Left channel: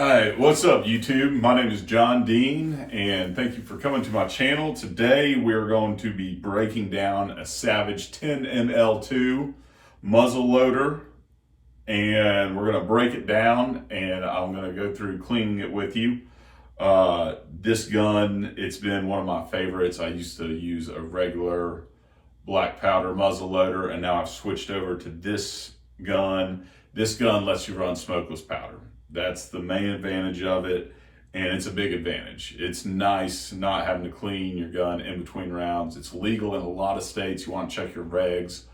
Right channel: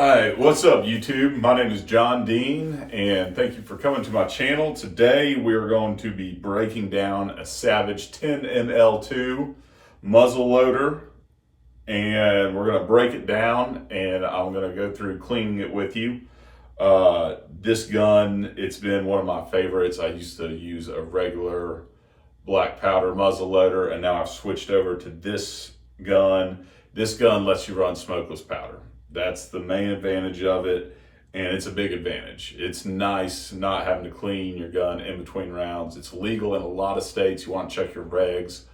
Alright, what's up YouTube? My name is John Dean and thank you for coming to my channel. Today we're going to be breaking down a Savage 10ML2 muzzleloader, and we're going to break it down and I'm going to go through cleaning it with you. This gun, it's been one of my favorites. I used to use a regular black powder muzzleloader and now I've switched over to this gun. This gun lets you run smokeless powder. That's the main advantage of it, and it's a big advantage. It's nice not having to clean your gun in between rounds. It's legal in a lot of states. You want to check your regs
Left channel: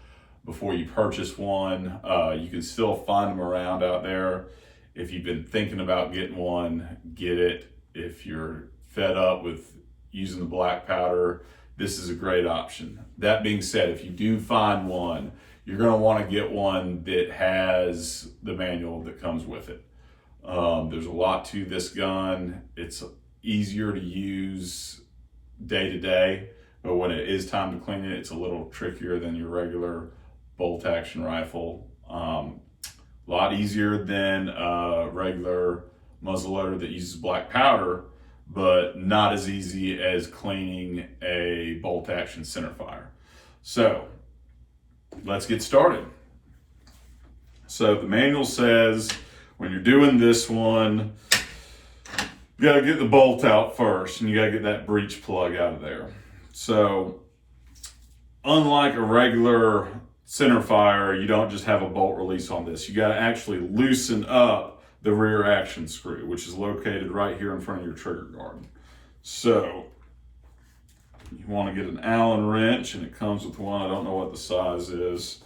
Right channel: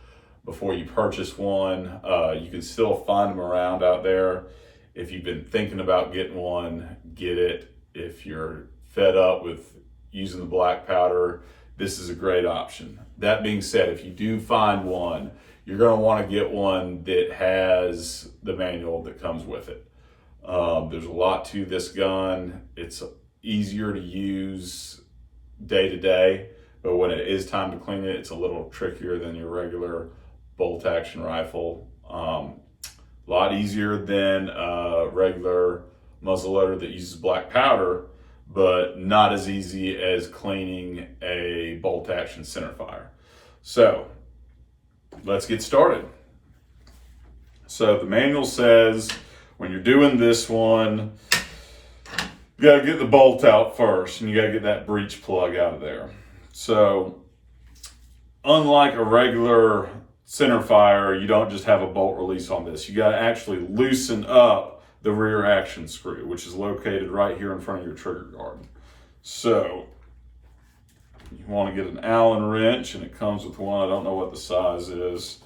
before you purchase one. You can still find them around out there. If you've been thinking about getting one, get it. If you're fed up with using the black powder, this is a great option. That being said, if you do find one, you're going to want to get one that has the manual that comes with it. There's a lot to this gun. It's easier to use day to day, but when it is time to clean it, it's a little trickier than your regular bolt action rifle. A lot easier than a regular muzzleloader that uses black powder, but not as easy as cleaning a bolt action centerfire. So let's get started. So the manual says, when you're doing this one, you gotta get the bolt out first and you gotta get that breech plug out of there. So unlike a regular centerfire, you don't just have a bolt release on this. You gotta actually loosen up the rear action screw, which is located right here in front of your trigger guard. So you wanna get an Allen wrench, and it comes with one. I don't know what the size is,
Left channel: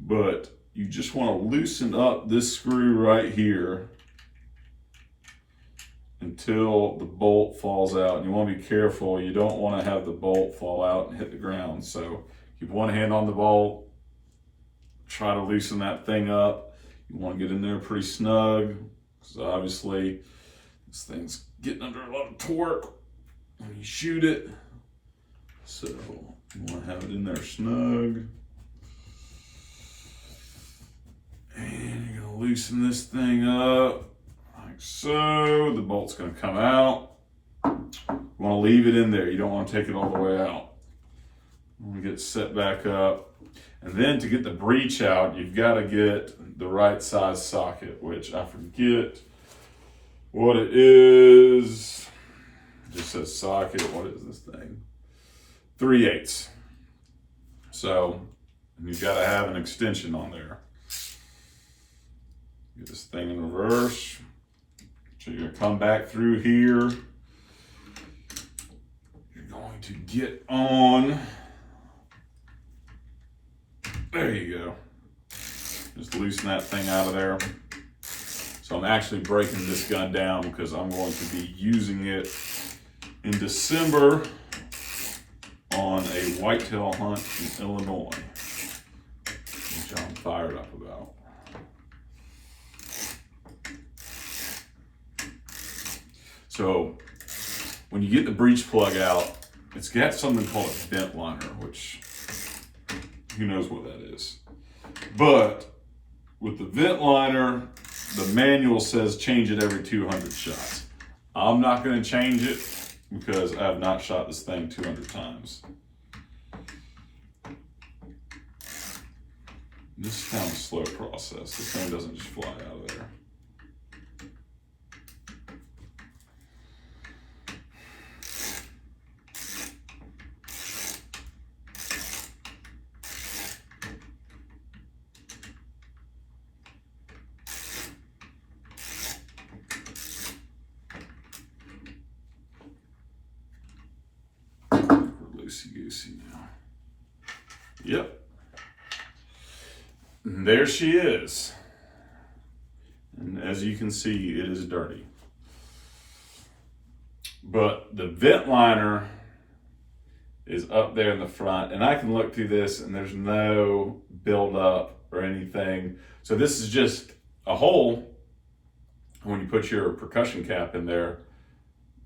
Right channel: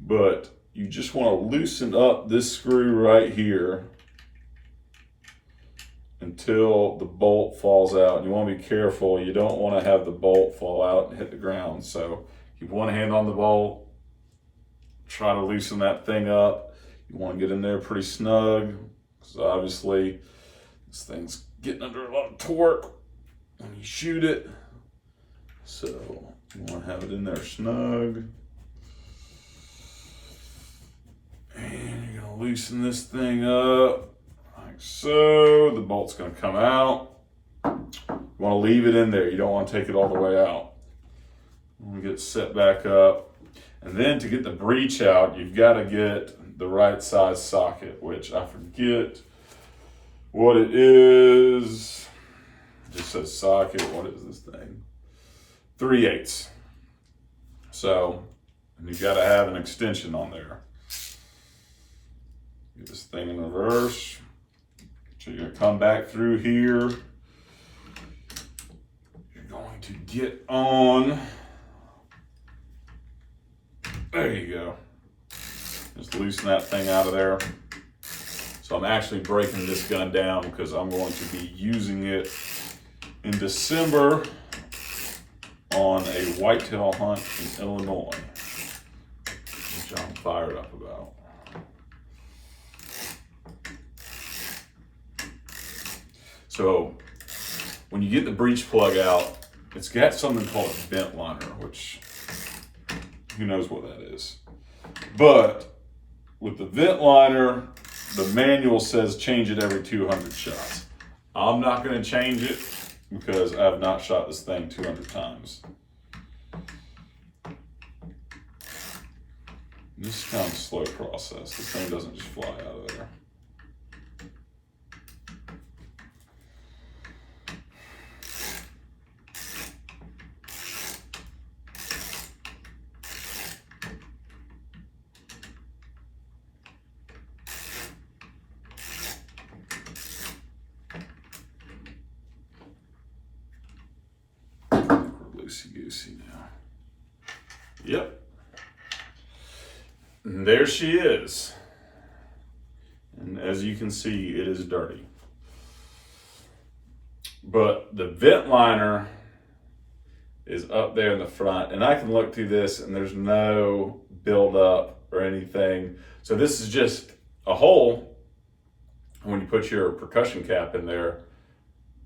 but you just want to loosen up this screw right here until the bolt falls out. And you want to be careful. You don't want to have the bolt fall out and hit the ground. So keep one hand on the bolt. Try to loosen that thing up. You want to get in there pretty snug, because obviously this thing's getting under a lot of torque when you shoot it. So you want to have it in there snug. And you're gonna loosen this thing up like so. The bolt's gonna come out. You wanna leave it in there. You don't wanna take it all the way out. You wanna get it set back up. And then to get the breech out, you've gotta get the right size socket, which I forget what it is. It just says socket. What is this thing? 3/8. So you've gotta have an extension on there. Get this thing in reverse. So you're gonna come back through here. You're going to get on. There you go. Just loosen that thing out of there. So I'm actually breaking this gun down because I'm going to be using it in December on a whitetail hunt in Illinois, which I'm fired up about. So when you get the breech plug out, it's got something called a vent liner, which who knows what that is. But with the vent liner, the manual says change it every 200 shots. I'm not going to change it because I have not shot this thing 200 times. This is kind of a slow process. This thing doesn't just fly out of there. Loosey-goosey now. Yep. And there she is. And as you can see, it is dirty. But the vent liner is up there in the front, and I can look through this and there's no buildup or anything. So this is just a hole. When you put your percussion cap in there,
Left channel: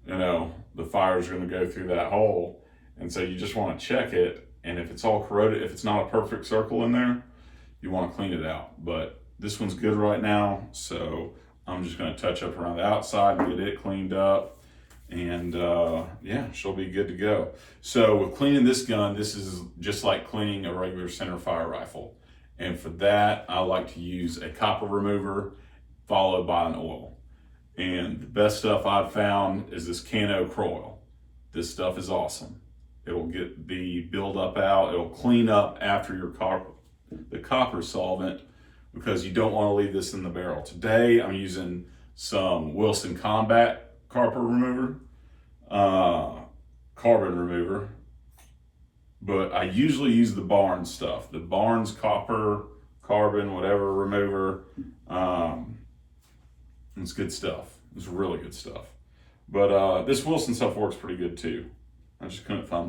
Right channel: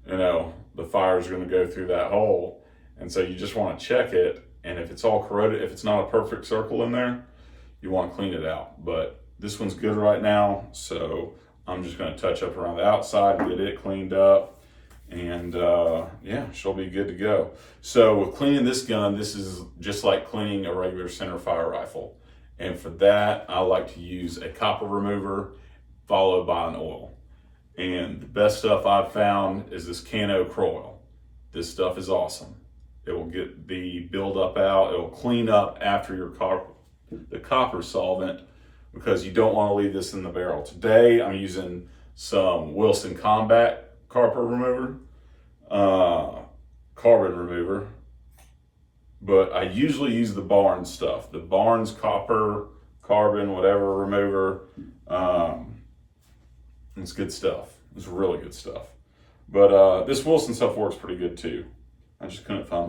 you know, the fire is going to go through that hole. And so you just want to check it, and if it's all corroded, if it's not a perfect circle in there, you want to clean it out. But this one's good right now, so I'm just gonna touch up around the outside and get it cleaned up. And yeah, she'll be good to go. So with cleaning this gun, this is just like cleaning a regular center fire rifle. And for that, I like to use a copper remover followed by an oil. And the best stuff I've found is this Cano Croil. This stuff is awesome. It will get the buildup out. It'll clean up after your the copper solvent, because you don't want to leave this in the barrel. Today, I'm using some Wilson Combat carbon remover, but I usually use the Barnes stuff, the Barnes copper, carbon, whatever remover. It's good stuff. It's really good stuff. But this Wilson stuff works pretty good too. I just couldn't find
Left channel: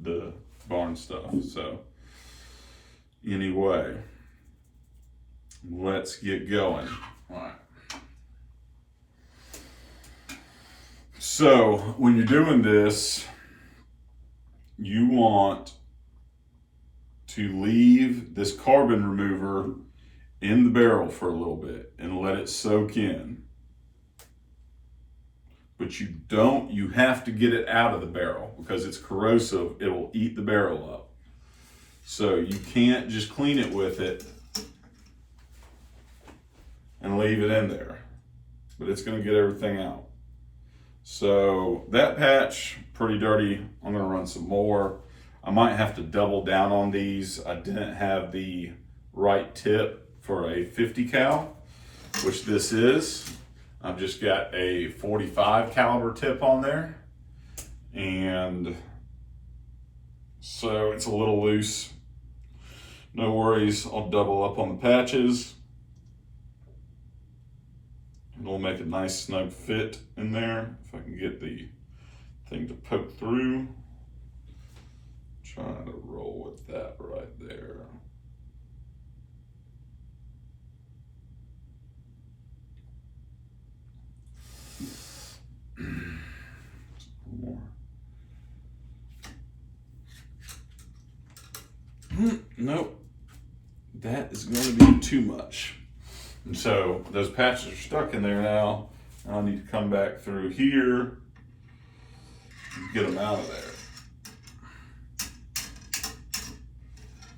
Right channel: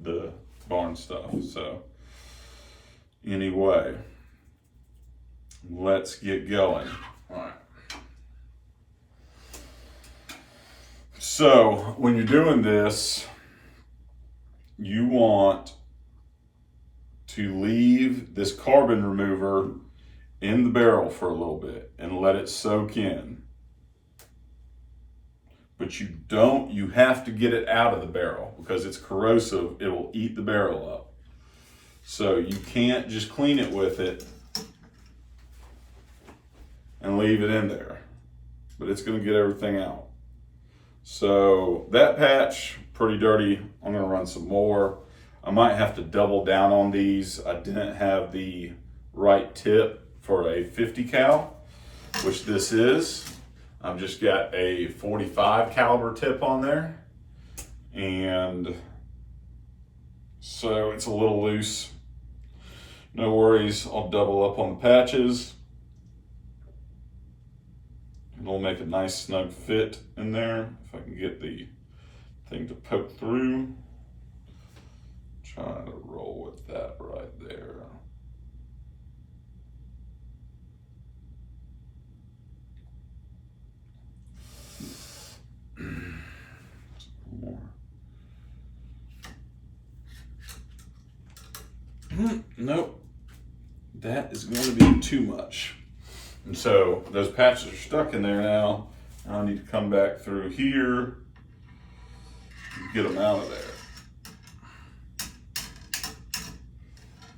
the Barnes stuff. So anyway, let's get going. All right. So when you're doing this, you want to leave this carbon remover in the barrel for a little bit and let it soak in. But you have to get it out of the barrel because it's corrosive. It will eat the barrel up. So you can't just clean it with it and leave it in there, but it's gonna get everything out. So that patch, pretty dirty. I'm gonna run some more. I might have to double down on these. I didn't have the right tip for a 50 cal, which this is. I've just got a 45 caliber tip on there. And so it's a little loose. No worries, I'll double up on the patches. It'll make a nice snug fit in there. If I can get the thing to poke through. Trying to roll with that right there. More. Nope, that is going to be too much. And so those patches are stuck in there now. I need to come back through here and get them out of there.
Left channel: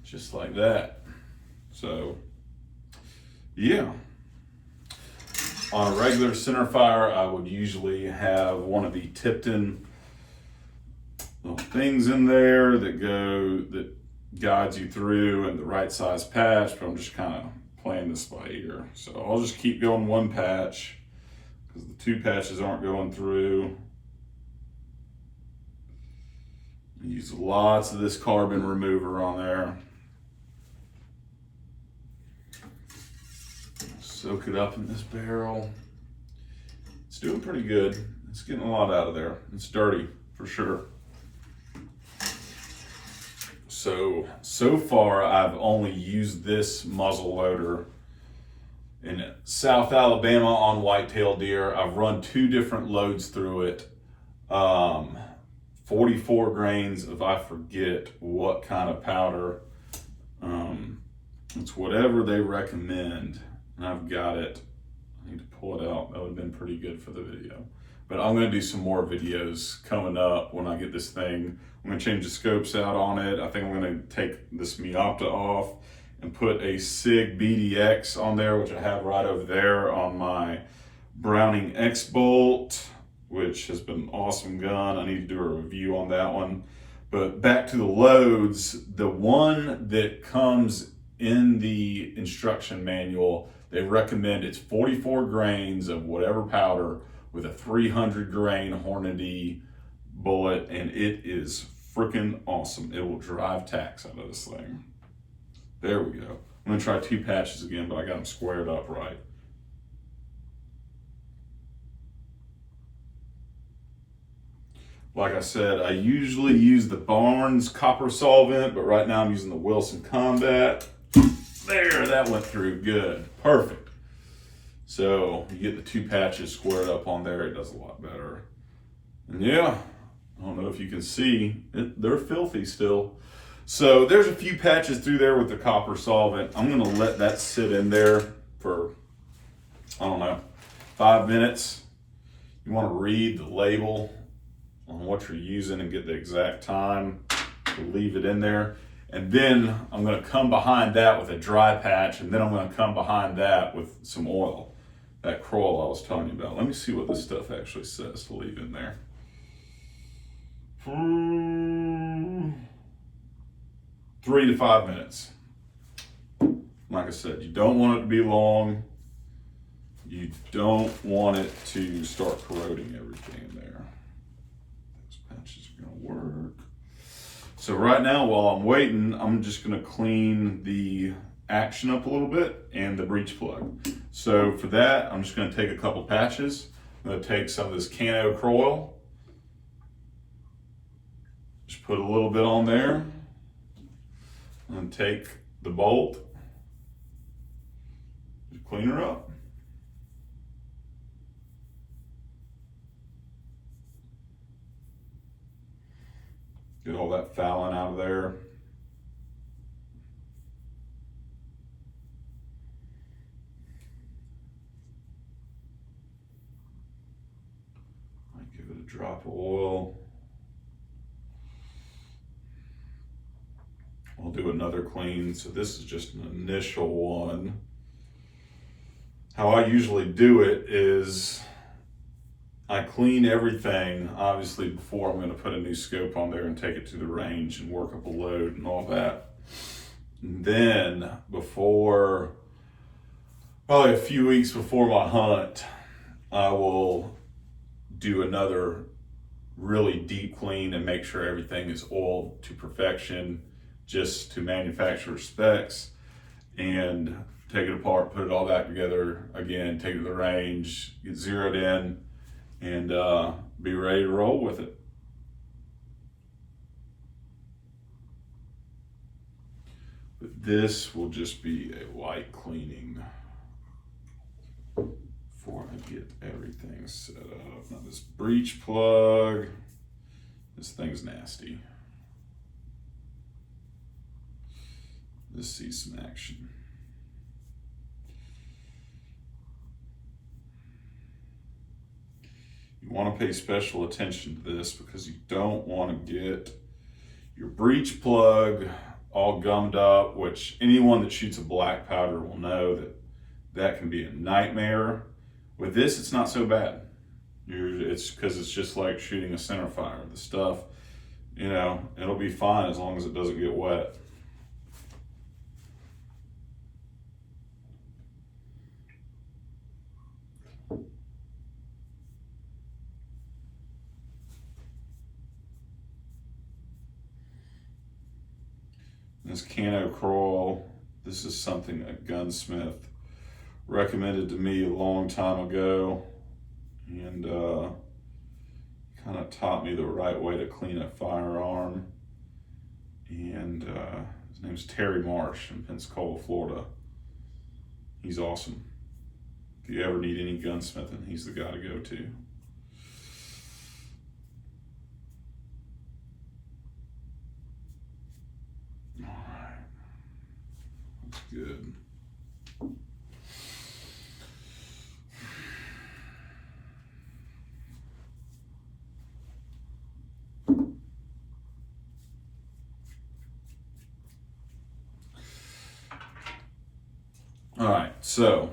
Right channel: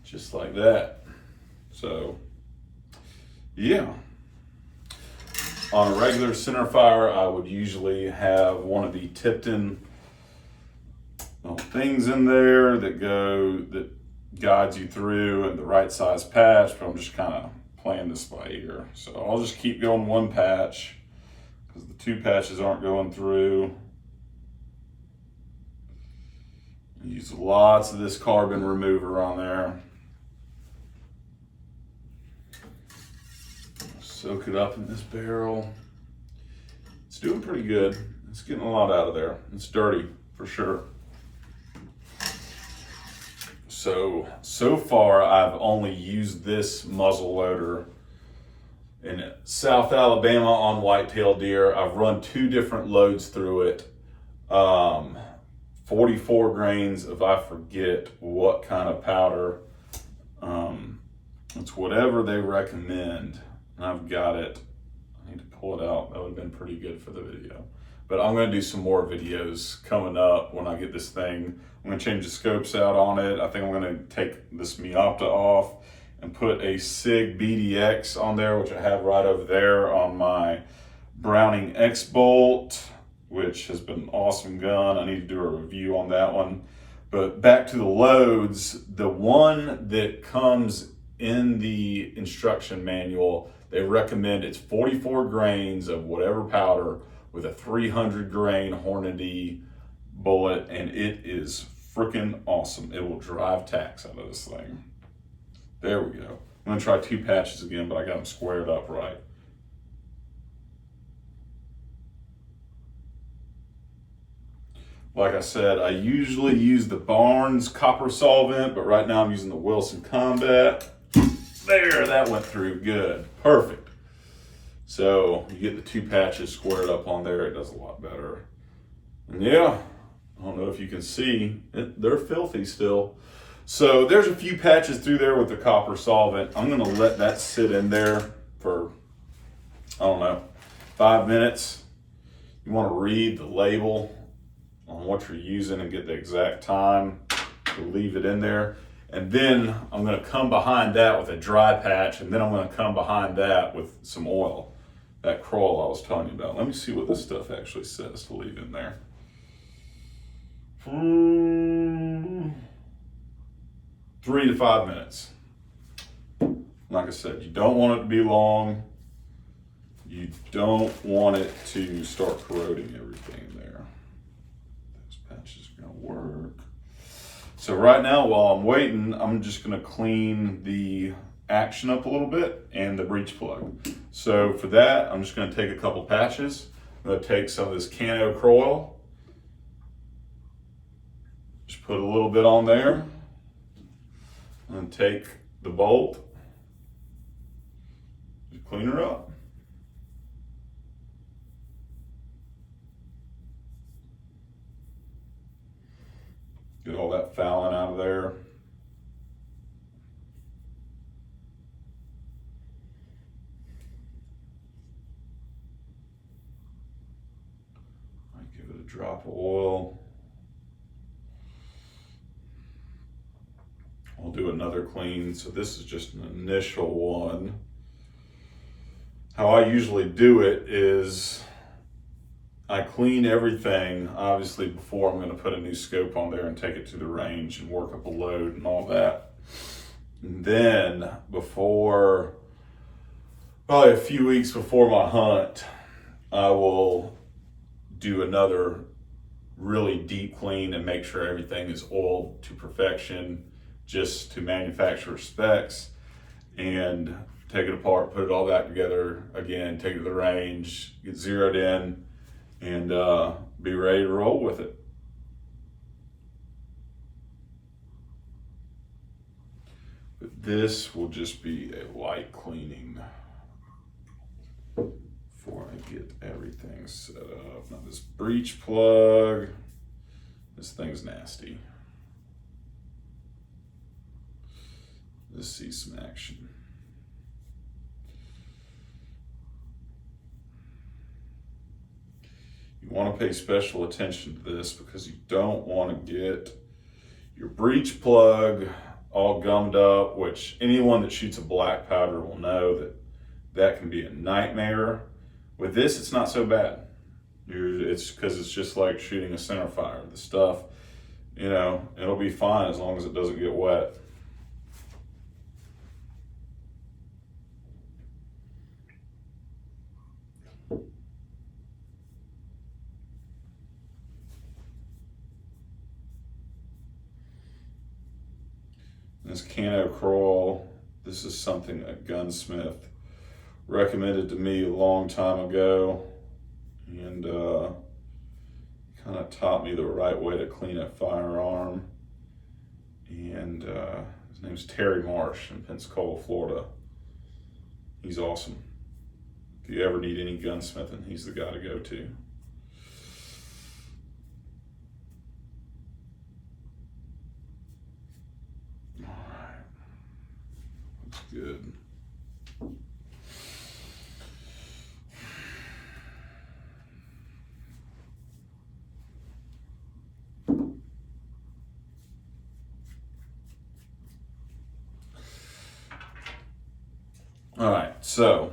Just like that. So, yeah. On a regular center fire, I would usually have one of the Tipton things in there that guides you through and the right size patch, but I'm just kind of playing this by ear. So I'll just keep going one patch because the two patches aren't going through. I use lots of this carbon remover on there. Soak it up in this barrel. It's doing pretty good. It's getting a lot out of there. It's dirty for sure. So far I've only used this muzzle loader in South Alabama on whitetail deer. I've run 2 different loads through it. 44 grains of, I forget what kind of powder. It's whatever they recommend. And I've got it. I need to pull it out. That would have been pretty good for the video. But I'm going to do some more videos coming up when I get this thing. I'm going to change the scopes out on it. I think I'm going to take this Miopta off and put a SIG BDX on there, which I have right over there on my Browning X-Bolt, which has been an awesome gun. I need to do a review on that one. But back to the loads, the one that comes in the instruction manual, they recommend it's 44 grains of whatever powder with a 300 grain Hornady bullet, and it is freaking awesome. It will drive tacks out of this thing. There we go. I'm gonna try 2 patches again, but I got them squared up right. Like I said, I usually use the Barnes copper solvent, but right now I'm using the Wilson Combat. There, that went through good, perfect. So you get the 2 patches squared up on there, it does a lot better. And yeah, I don't know if you can see, they're filthy still. So there's a few patches through there with the copper solvent. I'm gonna let that sit in there for, I don't know, 5 minutes. You want to read the label on what you're using and get the exact time to leave it in there. And then I'm going to come behind that with a dry patch, and then I'm going to come behind that with some oil. That Kroll I was telling you about. Let me see what this stuff actually says to leave in there. 3 to 5 minutes. Like I said, you don't want it to be long. You don't want it to start corroding everything in there. Those patches are going to work. So right now, while I'm waiting, I'm just going to clean the action up a little bit and the breech plug. So for that, I'm just going to take a couple patches. I'm going to take some of this Cano Kroll. Just put a little bit on there. And take the bolt. Just clean her up. Get all that fouling out of there. Might give it a drop of oil. I'll do another clean. So this is just an initial one. How I usually do it is I clean everything, obviously, before I'm going to put a new scope on there and take it to the range and work up a load and all that. And then before, probably a few weeks before my hunt, I will do another really deep clean and make sure everything is oiled to perfection, just to manufacturer specs, and take it apart, put it all back together again, take it to the range, get zeroed in, and be ready to roll with it. But this will just be a light cleaning before I get everything set up. Now this breech plug, this thing's nasty. Let's see some action. You want to pay special attention to this because you don't want to get your breech plug all gummed up, which anyone that shoots a black powder will know that that can be a nightmare. With this, it's not so bad. It's because it's just like shooting a center fire. The stuff, you know, it'll be fine as long as it doesn't get wet. This Cano Kroll, this is something a gunsmith recommended to me a long time ago, and kind of taught me the right way to clean a firearm. And his name's Terry Marsh in Pensacola, Florida. He's awesome. If you ever need any gunsmithing, he's the guy to go to. Good. All right, so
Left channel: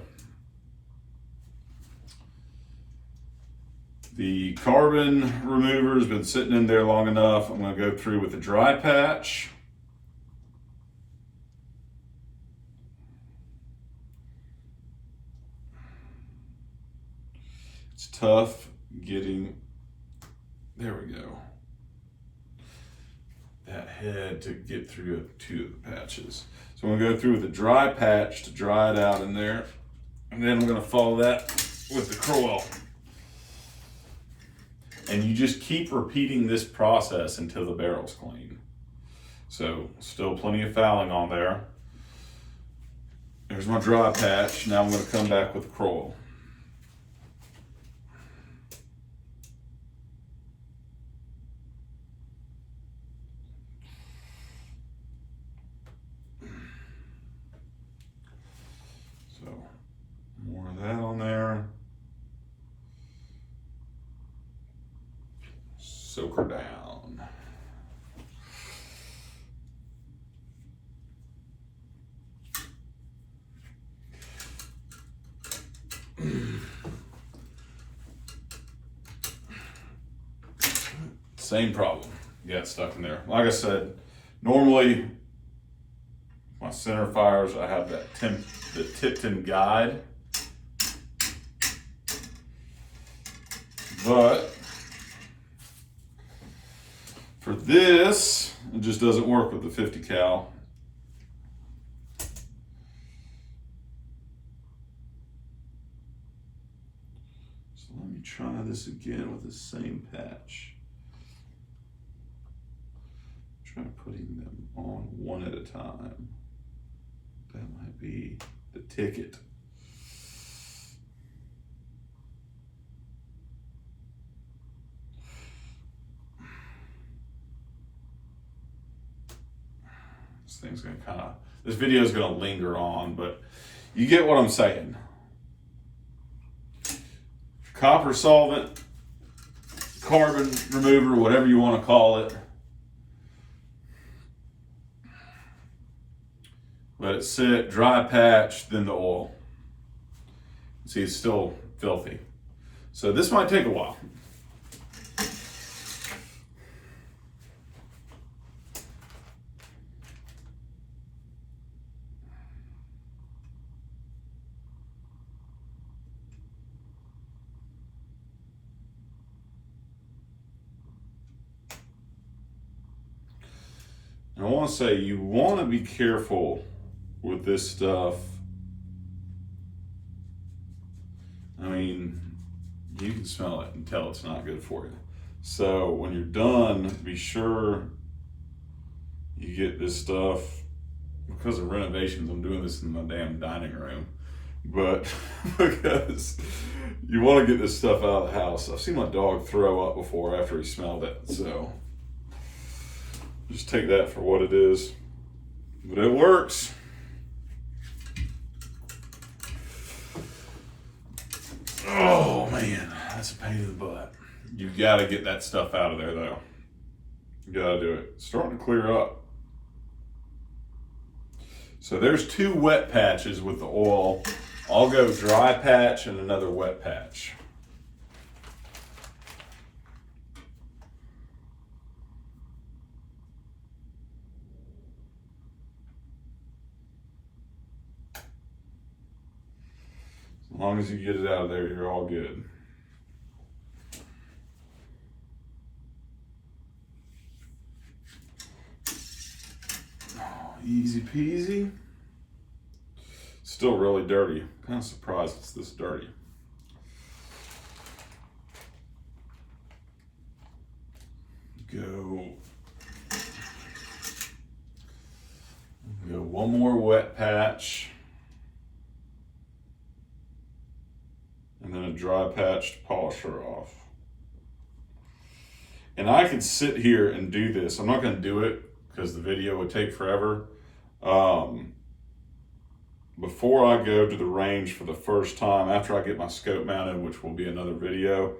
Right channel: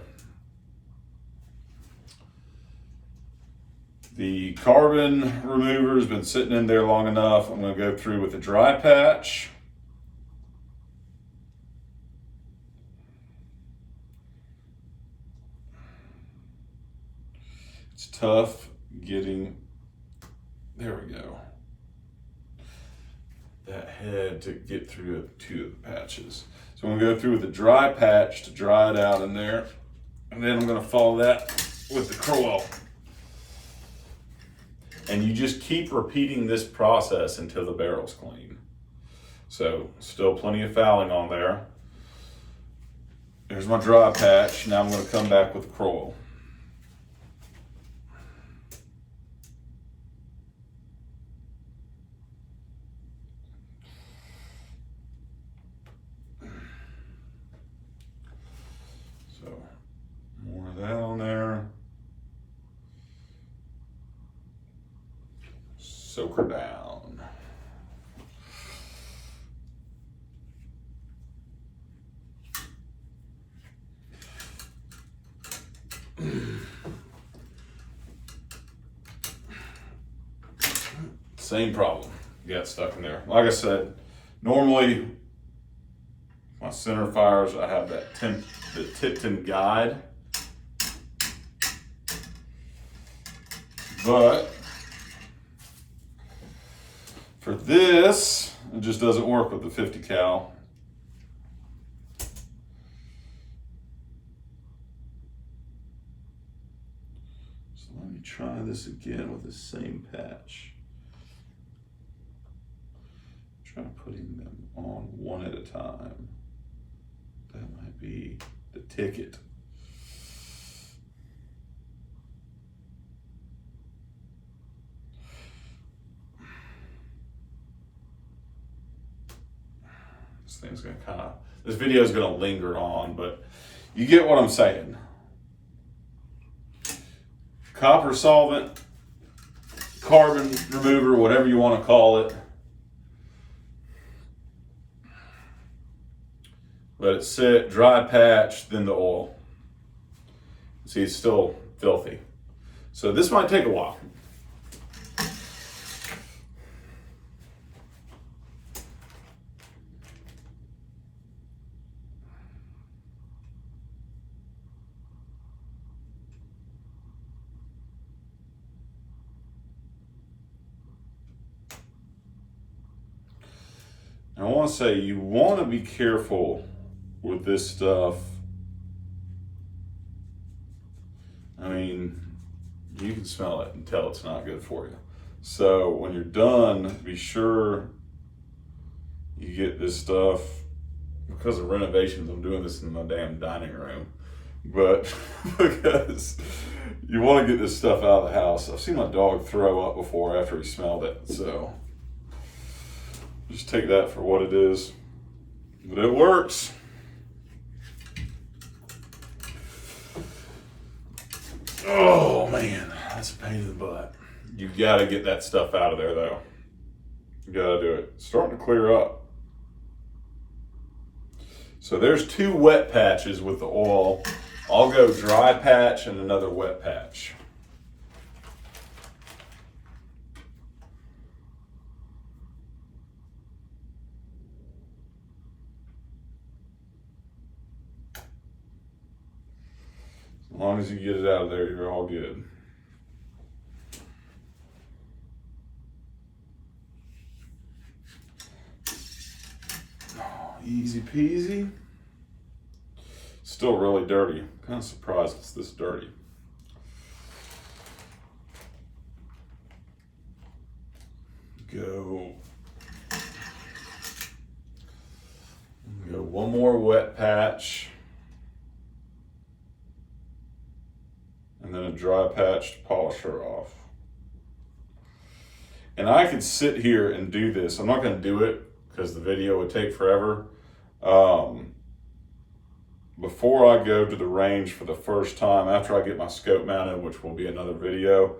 the carbon remover has been sitting in there long enough. I'm going to go through with a dry patch. It's tough getting, there we go, that head to get through two of the patches. So I'm going to go through with a dry patch to dry it out in there, and then I'm going to follow that with the Kroll. And you just keep repeating this process until the barrel's clean. So still plenty of fouling on there. There's my dry patch. Now I'm going to come back with the Kroll. So more of that on there. Same problem. Got stuck in there. Like I said, normally my center fires, I have the Tipton guide, but for this, it just doesn't work with the 50 cal. So let me try this again with the same patch. Try putting them on one at a time. That might be the ticket. This thing's gonna this video is gonna linger on, but you get what I'm saying. Copper solvent, carbon remover, whatever you want to call it. Let it sit, dry patch, then the oil. See, it's still filthy. So this might take a while. I want to say you want to be careful with this stuff. I mean, you can smell it and tell it's not good for you. So when you're done, be sure you get this stuff. Because of renovations, I'm doing this in my damn dining room. But because you want to get this stuff out of the house. I've seen my dog throw up before after he smelled it. So just take that for what it is. But it works. Oh man, that's a pain in the butt. You gotta get that stuff out of there though. You gotta do it. It's starting to clear up. So there's 2 wet patches with the oil. I'll go dry patch and another wet patch. As long as you get it out of there, you're all good. Easy peasy. Still really dirty. Kind of surprised it's this dirty. Go one more wet patch. And then a dry patch to polish her off. And I could sit here and do this. I'm not going to do it because the video would take forever. Before I go to the range for the first time, after I get my scope mounted, which will be another video,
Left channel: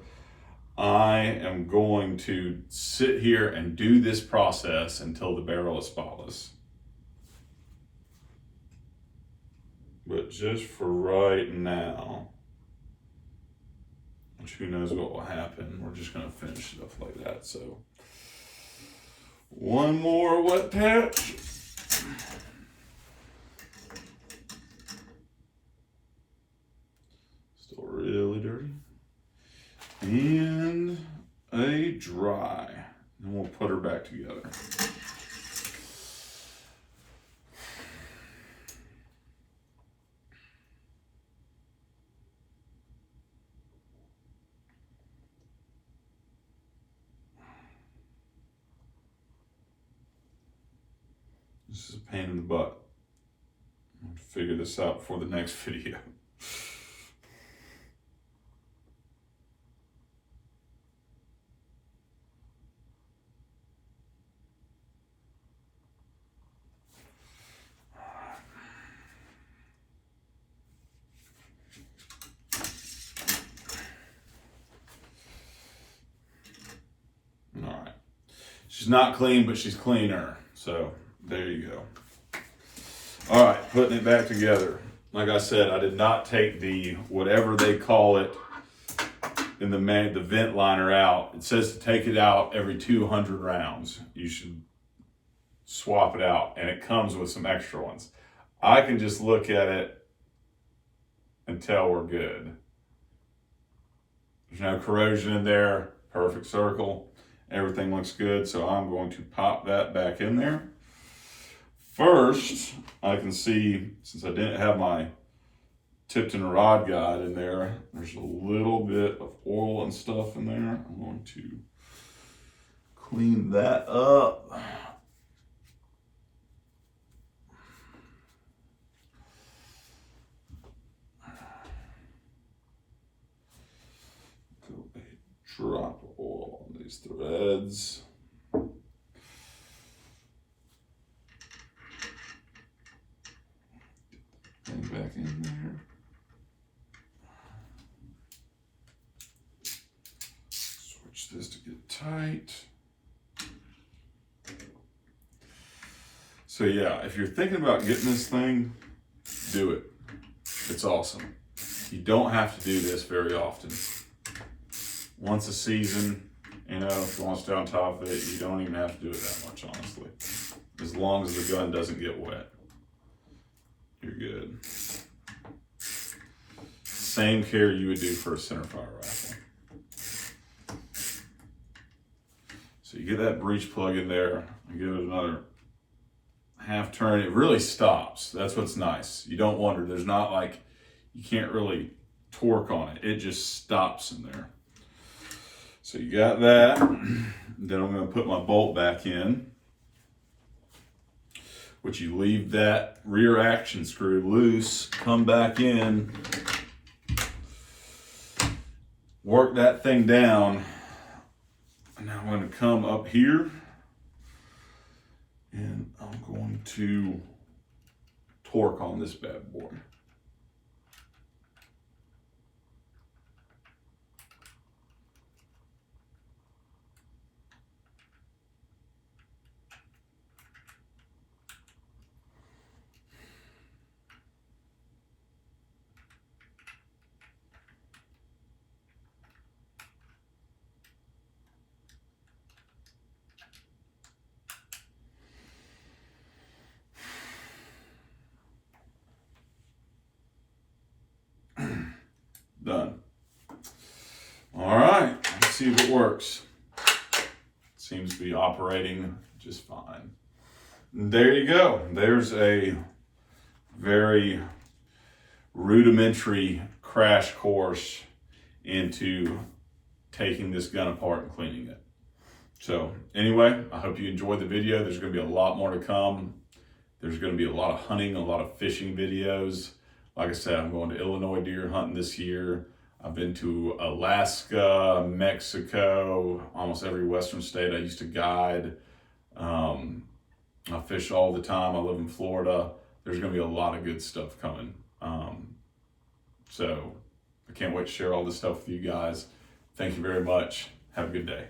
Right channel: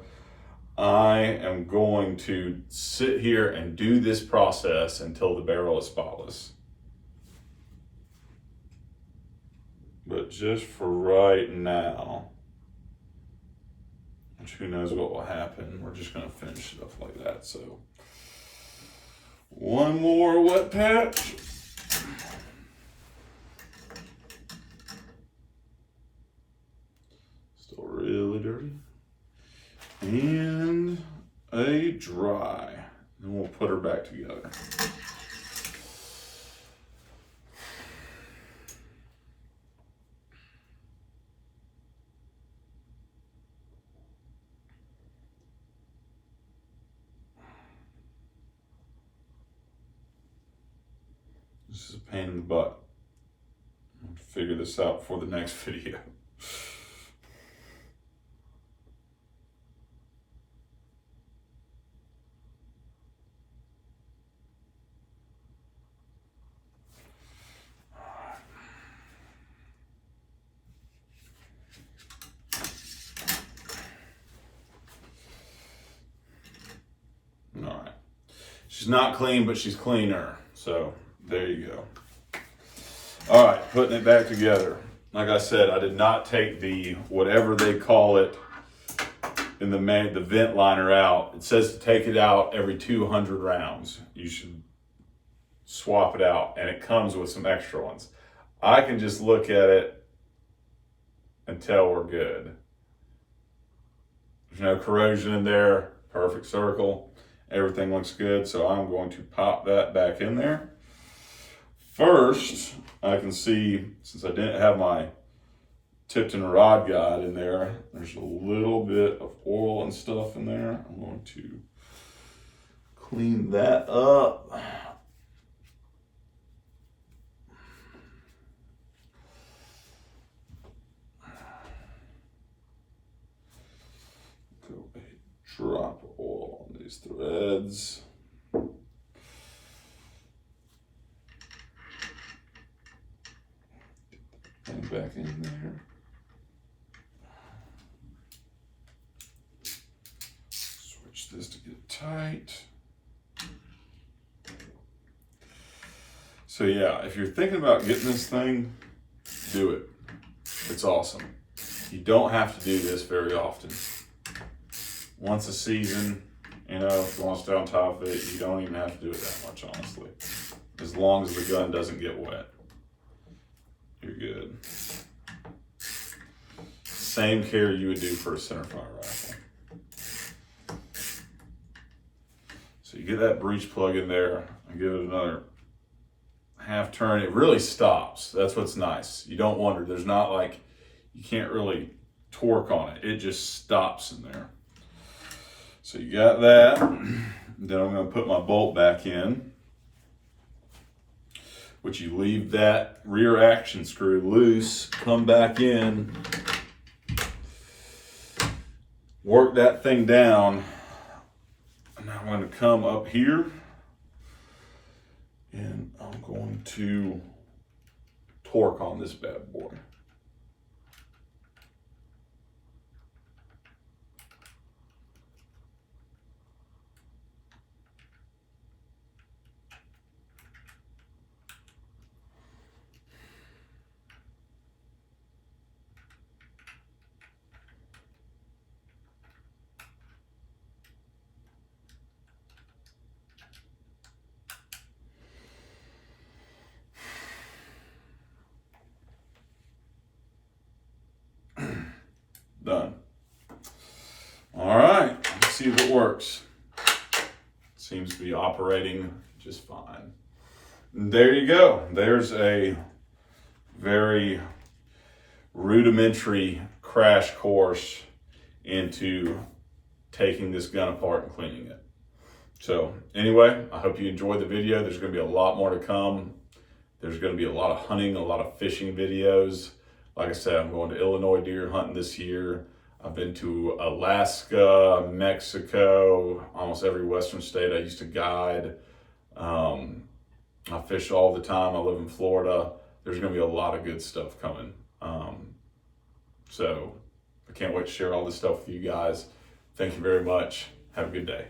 I am going to sit here and do this process until the barrel is spotless. But just for right now, which who knows what will happen, we're just going to finish it up like that. So one more wet patch. Still really dirty. And a dry. And we'll put her back together. This is a pain in the butt. I'm going to figure this out for the next video. All right. She's not clean, but she's cleaner. So there you go. All right, putting it back together. Like I said, I did not take the, whatever they call it, in the vent liner out. It says to take it out every 200 rounds. You should swap it out, and it comes with some extra ones. I can just look at it and tell we're good. There's no corrosion in there, perfect circle. Everything looks good, so I'm going to pop that back in there. First, I can see, since I didn't have my Tipton rod guide in there, there's a little bit of oil and stuff in there. I'm going to clean that up. Go a drop of oil on these threads. And back in there. Switch this to get tight. So yeah, if you're thinking about getting this thing, do it. It's awesome. You don't have to do this very often. Once a season, you know, if you want to stay on top of it, you don't even have to do it that much, honestly. As long as the gun doesn't get wet, you're good. Same care you would do for a centerfire rifle. So you get that breech plug in there and give it another half turn. It really stops. That's what's nice. You don't wonder. There's not like, you can't really torque on it. It just stops in there. So you got that. Then I'm going to put my bolt back in, which you leave that rear action screw loose, come back in, work that thing down. And now I'm going to come up here and I'm going to torque on this bad boy. Done. All right, let's see if it works. Seems to be operating just fine. And there you go. There's a very rudimentary crash course into taking this gun apart and cleaning it. So anyway, I hope you enjoyed the video. There's going to be a lot more to come. There's going to be a lot of hunting, a lot of fishing videos. Like I said, I'm going to Illinois deer hunting this year. I've been to Alaska, Mexico, almost every Western state I used to guide. I fish all the time. I live in Florida. There's going to be a lot of good stuff coming. So I can't wait to share all this stuff with you guys. Thank you very much. Have a good day.